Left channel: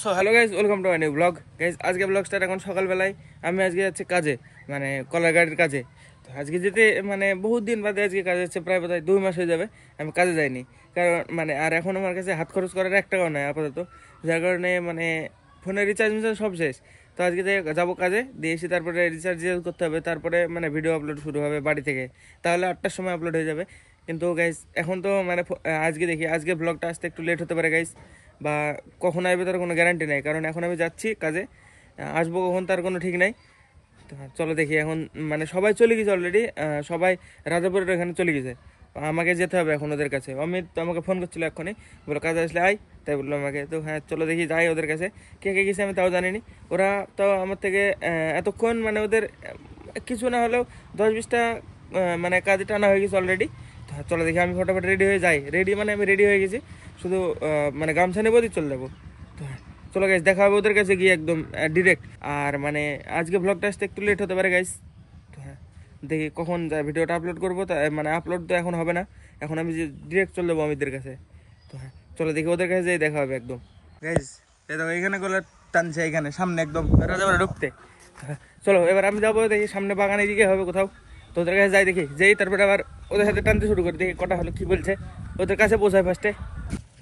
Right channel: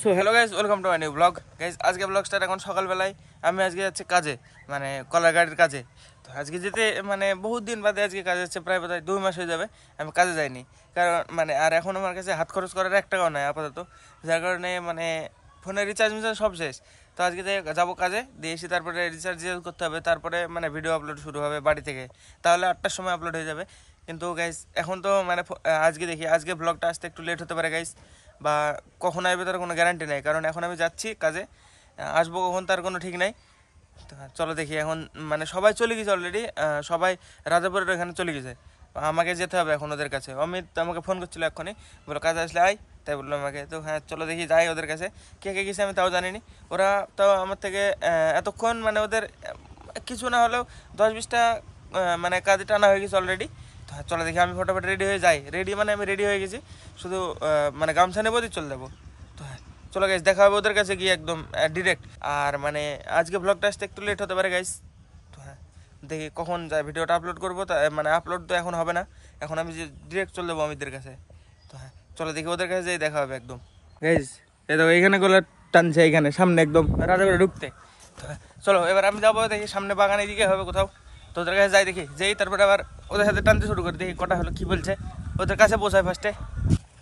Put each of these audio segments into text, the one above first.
So hello guys, welcome to my new blog. Guys আজকে blog start এখন সকালবেলায়। আমি আজকে যাচ্ছি কাজে, মানে কলার গাড়ির কাজে। তো আজকে যেতে মানে বহুত দিন বাদে আজকে কাজে যাচ্ছে, প্রায় বোধহয় 2 মাস হয়ে যাবে আমি কাজে যাইনি। কারণ মানে আর এখন আমার কাছে হাত খরচ করার 1 টাকাও নাই আপাতত, যার কারণে মানে ফোনের রিচার্জ মিচার্জ সব শেষ। তো আজকে যাবো কাজে, দিয়ে এসে তারপরে রিচার্জ করতে হবে, তারপরে মানে ভিডিও আপলোড শুরু হবে বাড়ি থেকে, তাহলে 8টার সময় আপলোড হয়ে যাবে। কিন্তু গাইজ এখন তো মানে আজকে দেখি আজকে ব্লগটা আসতে একটু লেট হতে পারে গাইজ, বা কখন আসবে তার কোনো গ্যারান্টি নেই, কারণ এখন আমি যাচ্ছি কাজে, আসবো কখন তার কোনো ঠিক নাই। তো চলো দেখি, এখন মানে সবাই চলে গেছে অলরেডি, সবাই রাজাপুরের এখানে চলে গেছে, আমাকে যেতে হবে এখন ওদের কাছে। অমিত আমাকে ফোন করছিল এক্ষুনি, বলো কাজে আসলে আয়, তাই বললো আমাকে। তো হ্যাঁ চলো দেখি যাই ওদের কাছে। কে কে গেছে আমি তাও জানিনি, ওরা তাও আমার থেকে এতক্ষণ মানে ওদের কিছু না হলেও 10-20টা মানে কাজে টানা হয়ে গেছে অলরেডি। তো চলো দেখি, আমি ফটাফট রেডি হয়ে যাই। রেডি মানে আমি রেডি হয়ে গেছি, শুধু মানে গামছা নেবো দিয়ে চলে যাবো। তো হ্যাঁ চলো গাইজ, দেখা হবে ওদের কাছে গিয়ে একদম ডিরেক্ট। আর মানে আজকে ব্লগটা আসতে একটু লেট হতে পারে গাইজ। তো হ্যাঁ দেখি কখন যায়, ভিডিওটা আপলোড করবো, তা মানে আপলোড তো এখন হবে না, এখন আমি ডিরেক্ট চলে যাবো অমিতদের কাছে। তো হ্যাঁ চলো দেখি ওদের কাছে যেয়ে দেখা হবে একদম। গাইজ এই দেখো এখানে গলা টানছে, এখানে সামনে একদম রাজাপুরে ঢুকতে। তো হ্যাঁ চলো এবার আমি যাবো, দেখি সামনে বাগানে দিকে হবে কোথাও। তো ওদের কাছে যাই, দেখি যেই তারপরে আবার ওদের সাথে টানতে শুরু করি, দেখি কটা হলো কি বলছে, ওদের কাছে পৌঁছায় ফার্স্টে।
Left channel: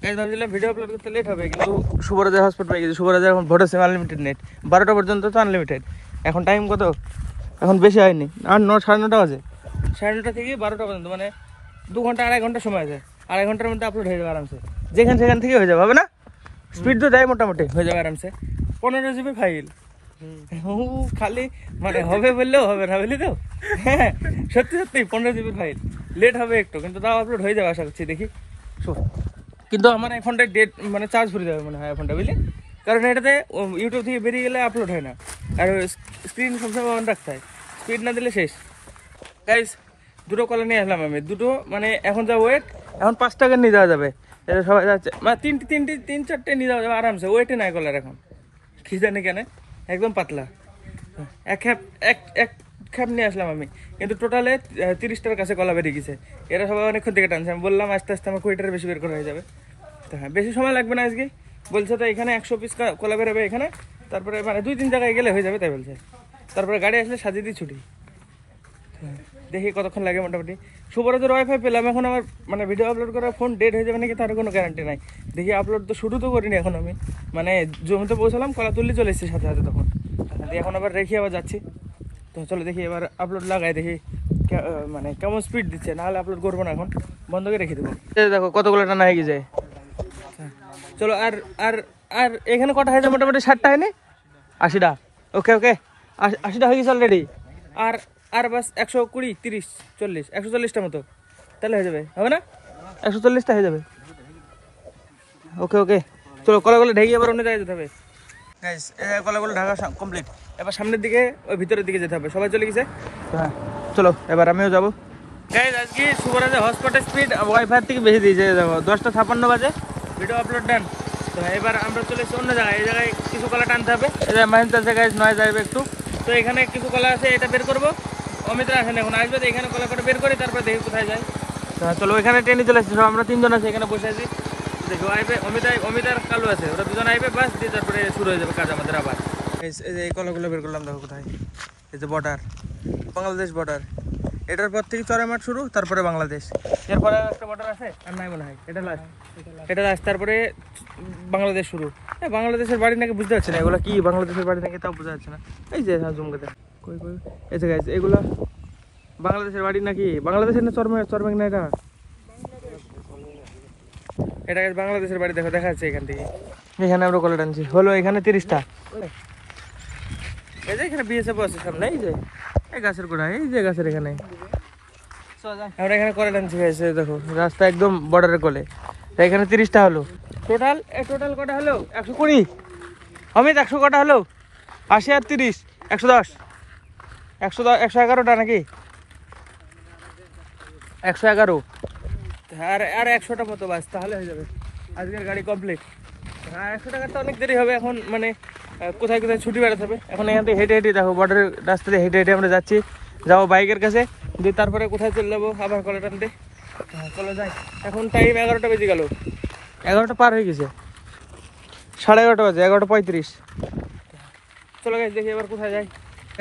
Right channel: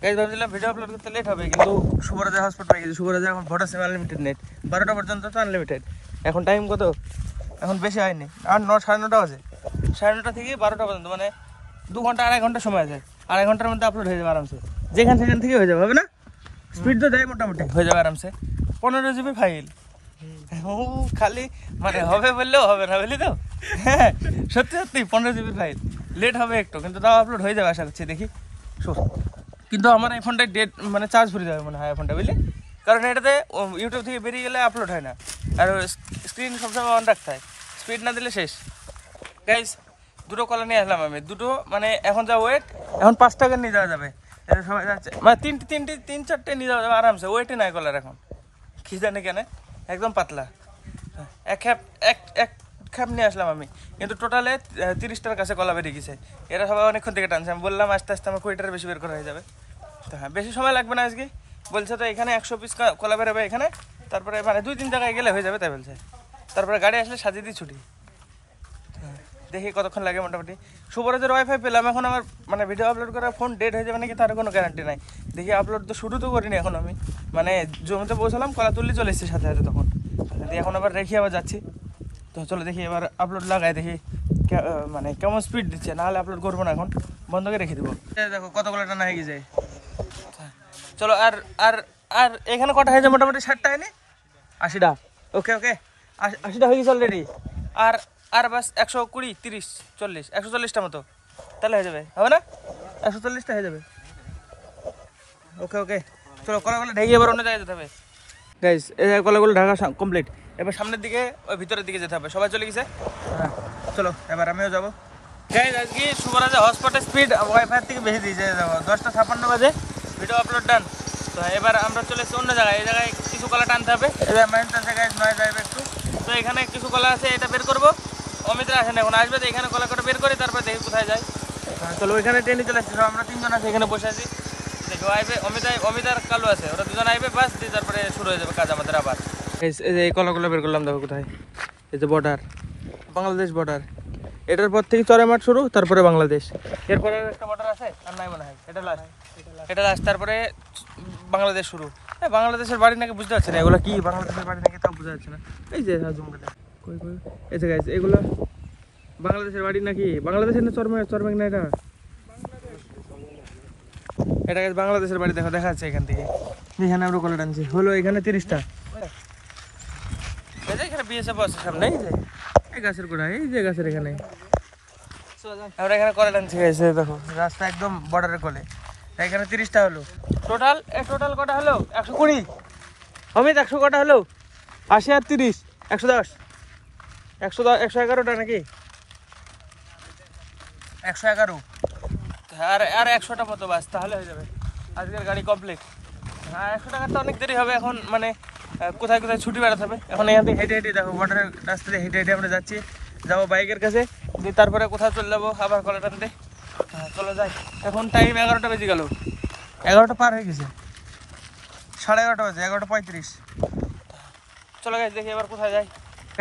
গাইজ ভাবছিলাম ভিডিও আপলোড করতে লেট হবে, কিন্তু শুভরাজের হটস্পট পেয়ে গেছে। শুভরাজের এখন ভোটের সিম আনলিমিটেড নেট, 12টা পর্যন্ত তো আনলিমিটেড। এখন টাইম কত, এখন বেশি হয়নি, আর 9-9:30 বাজে। 9:30 থেকে 12টা পর্যন্ত, মানে 2 ঘন্টা 2.5 ঘন্টা সময় আছে। 2.5 ঘন্টার মধ্যে আপলোড হয়ে যাবে আরামসে, যেখান সেখান থেকে হয়ে যাবে, হবে না? স্পিড তো যায় মোটামুটি, হয়ে যাবে আরামসে। 15 GB ফাইল, খালি মানে হবে বললেও হবে না, বুঝলি তো? হ্যাঁ সত্যি সত্যি 15 GB ফাইল, লেট হবে একটু, কিন্তু তাও আপলোড হয়ে যাবে আশা করছি। দেখি কিন্তু আমার আইফোনটা ডেট মানে চার্জ ফুরিয়ে যাবে মনে হয় আইফোনটা, বুঝলি? কারণ এটাতে ইউটিউব থেকে বেরিয়ে গেলে আপলোড হয় না, আর স্ক্রিন সবসময় অন রাখতে হয়, স্পিড না দিলে শেষ। গাইজ 2টো কলা নিয়ে আসলাম আমি, দুটো মানে এখন যা ওয়েট, এখন 5 টাকা নিয়ে যাওয়া যাবে। এটা সবাই যাচ্ছে, মানে 3-4টে নিয়ে যাওয়া যাবে আরামসে, ওয়েটে নাই কলার এখন, কি জানি কেন একদম পাতলা। এক খ্যাপ নিয়ে আসলাম আমি, কিন্তু টোটালে 30টার কাছে কলা বেরিয়ে গেছে। এরা সবাই অনেকক্ষণ থেকে টানছে, আমি বললাম আস্তে আস্তে আমার 20টার বেশি বের করা হয়ে যাবে। তো হ্যাঁ বেশি সময় লাগবে না আজকে, বলছে তো এখানে 100 পিস কলা বেরোবে এখানে, তারপরে মানে 2-3 জায়গায় গেলে হয়ে যাবে তাই বলছে। তারপরে গাড়ি আসলে সাজিয়ে দিই ছুটি। দেখি কতক্ষণ লাগে মোটামুটি। শুভরাজের ওয়াইফাই পেলাম, এখন আমার মানে ভিডিও আপলোড করার ফোন ডেট হয়ে যাবে নাকি তার কোনো গ্যারান্টি নাই। দেখি আপলোড তো শুরু তো করিনি এখন, আমি মানে জমিতে পৌঁছালাম, কলা তুললে চলে এসেছি সাথে সাথে, তখন দিয়ে এখন আবার রেখে আবার যাচ্ছি। তো চলো দেখি এবার আপলোড লাগাই, দেখি মানে কেমন স্পিড দিচ্ছে, নাহলে আপলোড করবো না, এখন বন্ধ করে রেখে দেবো। দেখো কতগুলো টানা হয়ে গেছে। চলো আর আর আর এখানে কটা হয়ে যায় মোটামুটি 60টা হয়নি, 80টা। ওকে ওকে 80টা হয়ে গেছে অলরেডি। আর আর বাস 120, 30, 40, 140টা মতো, তাহলে হয়ে যাবে, হবে না? 140টা হয়ে যাবে। ওকে ওকে চলো কলাগুলো ঢেকে আবার অন্য জায়গায় যেতে হবে। গাইস এই কলাগুলো ঢাকা কমপ্লিট, এবার সামনের দিকে ওই ভিতরের দিকে যেতে হবে, সবাই চলে গেছে। হ্যাঁ চলো এবার আমিও যাবো। গাইস আজকে শুভরাজের হটস্পটের স্পিড ওয়াইফাই থেকে বেশি দিয়েছে, দেখো 10:56 বাজে ভিডিও আপলোড ডান। তো এবার আমরা চলে এসেছি অন্য জায়গায়, এই জায়গায় কিছু কলা টানতে হবে, মাইন চলছে গাইস, নয় যাবে একটু। তো এখানে কিছু কলা আছে, এটা বের করবো। অমিতরা আসেন এখন, আসবে তো এখানে কলা কটা বের করে তারপরে দেখি কোথায় যায়। চলো এখানে ট্রেনে চলে আসছি, আমরা 3 জন আছি এখানে বসে আছি। দেখো আইবে অমিত আর কালু আছে, ওরা 2জন আইবে, বাস দিয়ে তারপরে শুরু হয়ে যাবে কাজ আমাদের আবার। এই যে এই কলাগুলো বের করলাম, দেখো কোথায়, এই যে বর্ডার, বাংলাদেশ বর্ডার, এটার পর থেকে চড়াইমাঠ শুরু, তারপরে বাংলাদেশ, এরপরে একটা বর্ডার আছে আর নাই মনে হয়, এটা লাস্ট, তারপরে বাংলাদেশ শুরু। বাংলাদেশের বাড়ি নাকি বুঝতে পারছি না, এগুলো কি বাংলাদেশের বাড়ি নাকি তাও বোঝা যাচ্ছে না। এই যে জুমকে দেখ, কই কই এই যে গাইস, এগুলো বাংলাদেশের বাড়ি নাকি, বাংলাদেশের না চরমেক না, এটা বাংলাদেশের বাড়ি, দেখো দেখা যাচ্ছে এখান থেকে। এখানে আমরা কলা টানছি, হলো এখানে 30টা। এই যে এখানে বিএসএফ আছে সামনে, এই যে এই গাছের গোড়া, এই যে গাছের এখানে আমরা এখানে কলা টানছি। গেছে দেখো রাস্তা একদম বর্ডারের কোলে, এখানে 30টা হলো টোটাল। কটা হলো? 120। অমিত 100 কটা হলো? 80 আর 30 110, 111টা নাকি, 111। আর 100টা মতো বাস, তাহলে হয়ে যাবে আজকের গাড়ি কমপ্লিট। 100 টাকার তো অনেক দেরি হবে এখন, মানে কোথায় কোথায় ছুটি বেড়াতে হবে। এখন এখান থেকে হেঁটে হেঁটে দেখো বর্ডারের রাস্তা দিয়ে হেঁটে হেঁটে আমরা যাচ্ছি, যাবো বাইকের কাছে, কিন্তু তারপরে কোথাও চলে যাবো আবার কলা টানতে। হ্যাঁ চলো যাই, এখন টাইম 11টা বেজে গেল, 11টা পার হয়ে গেছে। 11:30 বাজে, 11:35। চলো গাইস দেখি এবার কোথায় যাই।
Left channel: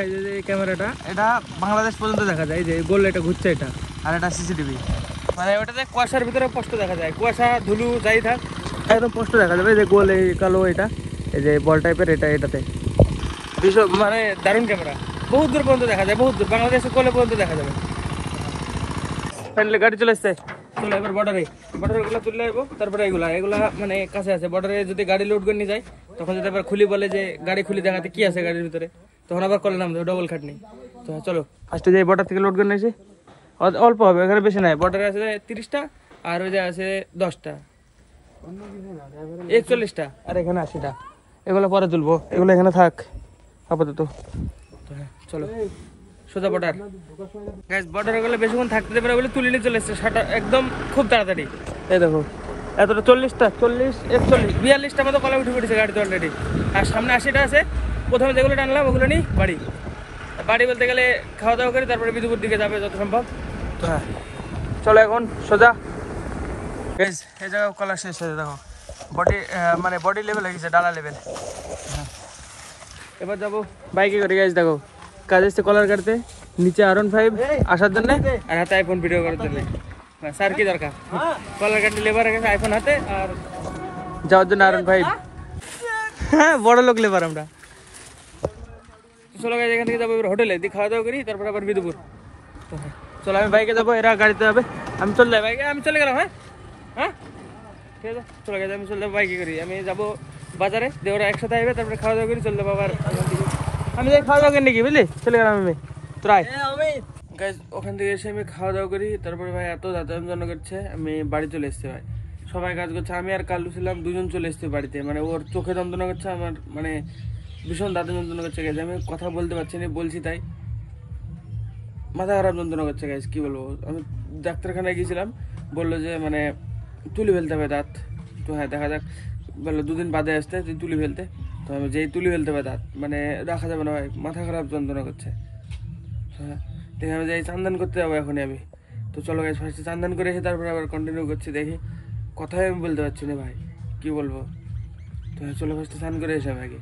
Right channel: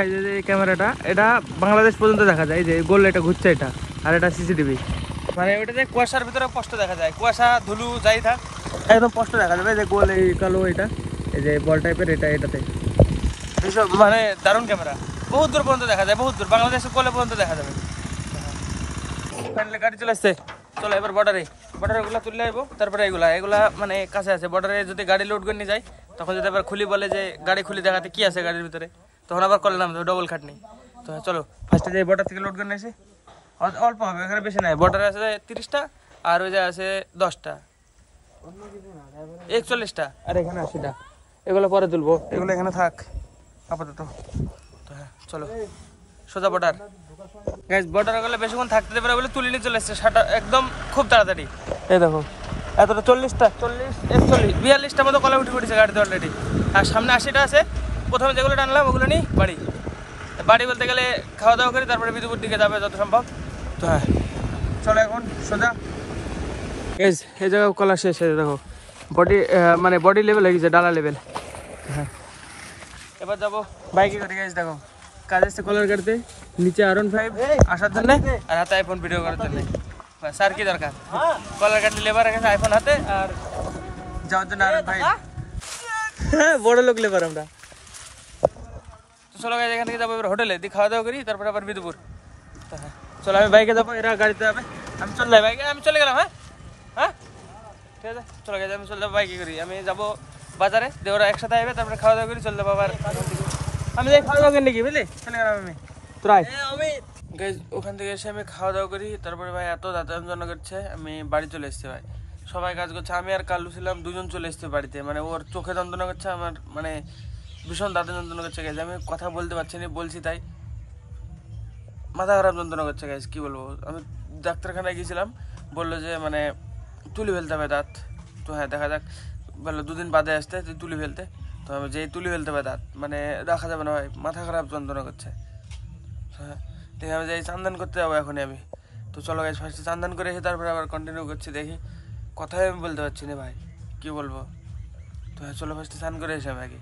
এই যে ক্যামেরাটা, এটা বাংলাদেশ পর্যন্ত দেখা যায়। এই যে গোল এটা ঘুরছে, এটা আর এটা সিসিটিভি। মানে ওটাতে কুয়াশার ভিতরে স্পষ্ট দেখা যায়, কুয়াশা ধুলু যাই থাক একদম স্পষ্ট দেখা যাবে। এই যে গোল এই কালো এটা, এই যে বল টাইপের এটা, এটাতে ভীষণ মানে দারুণ ক্যামেরা, বহুত দূর পর্যন্ত দেখা যায়, বহুত দূর, বাংলাদেশের কোলে পর্যন্ত দেখা যাবে। ফাইনালি গাড়ি চলে আসছে। চলো এবার বর্ডারে এগুলো তুললে আসবো, তারপরে এগুলা মানে কাছে আছে। বর্ডারে যদি গাড়ি লোড করে নিয়ে যায়, তখন যদি আবার খুলি বলে যে গাড়ি খুলি দেখাতে কি আছে গাড়ির ভিতরে, তখন আবার কলে নামবে, ডবল খাটনি। তো চলো ফার্স্টে যাই, বর্ডার থেকে লোড করে নিয়েছি। অল্প হবে, এখানে বেশি নাই। বর্ডারে আছে 30টা, আর ওই যে আছে 10টা, 41টা, আর এখানে 80টা। এগুলো পরে তুলবো, এগুলো এখানে থাক আপাতত। তো হ্যাঁ চলো সোজা বর্ডার। গাইস বর্ডারে গেলে বেশিক্ষণ থাকতে দেবে না বলে তুলে নিয়ে চলে এসছে শাটা একদম খুব তাড়াতাড়ি। এই দেখো এতটা 40টা, 40, 41, 42টা মতো কলা উঠে পড়েছে গাড়িতে অলরেডি। আর সামনে 80টা আছে। প্রথমে যেগুলো টানলাম ওগুলো নিই বাড়ি বলতে গেলে খাওয়া দাওয়া করি, তারপরে বিদুপুর দিকে যাবে যত সম্ভব। তো হ্যাঁ চলো এখন সোজা। গাইস এই জায়গায় কলা শেষ হয়েছে, দেখো বডি মানে বডি লেভেল হয়ে গেছে, ডালা লেভেল। হ্যাঁ এবার যাবো বাইকে করে। গাইস দেখো কাজ এসছে কলার গাড়িতে, নিচে R15 আসার জন্য, আর হাতে আইফোন ভিডিও করার জন্য। স্যার কি দরকার, কলার গাড়ি লেবার গেছে আইফোন হাতে, আর যাওয়ার জন্য R15। হ্যাঁ বড় লোক লেবার আমরা। চলো গাইস এখান থেকে যাবো এবার হোটেলে, দিয়ে খাওয়া দাওয়া করি, তারপরে আবার বিদুপুর। চলো আমি বাইকে যাবো, এরা গাড়িতে যাবে, আমি চলে যাই বাইকে, আমি চলে গেলাম। হ্যাঁ হ্যাঁ ঠিক আছে চলে গেছে, আমি চলে যাবো বাইকে করি। আমি যাবো বাজারে, দিয়ে ওরা একসাথে আসবে, তারপরে খাওয়া দাওয়া করি চলে যাবো আবার। আমি যাই খাওয়া দাওয়া করি নাকি, বুঝলি, চলে গেলাম আমি। গাইজ ওখান থেকে এসে আমি খাওয়া দাওয়া করি, তারপরে ভাই এত দাঁতান যন্ত্রণা করছে, আমি বাড়ি চলে এসেছি। ভাই সবাই কাজ করছে, আমি আর কাল্লু ছিলাম, দুজন চলে এসেছি বাড়িতে। মানে ওর চোখে যন্ত্রণা করছে, আমার মানে ভীষণ দাঁতের যন্ত্রণা করছে। গাইজ আমি কথা বলতে পারছি না, বলছি তাই মাথা খারাপ যন্ত্রণা করছে। গাইজ কি বলবো, আমি ডাক্তারখানায় গিয়েছিলাম, বললো যে মানে তুলি ফেলতে হবে দাঁত। তো হ্যাঁ দেখা যাক, বললো 2 দিন বাদে আসতে তুলি ফেলতে। তো আমি যেই তুলি ফেলতে হবে দাঁত, মানে রাখা যাবে না ভাই, মাথা খারাপ যন্ত্রণা করছে। হ্যাঁ দেখি আমি যাই চান্দান করতে যাবো এখনই আমি। তো চলো গাইস ফার্স্টে চান্দান করে এসে তারপরে আবার কন্টিনিউ করছি। দেখি কথাই আমি বলতে পারছি না ভাই, কি বলবো। তো হ্যাঁ চলো ফার্স্টে স্নান করে এসে আমি আগে।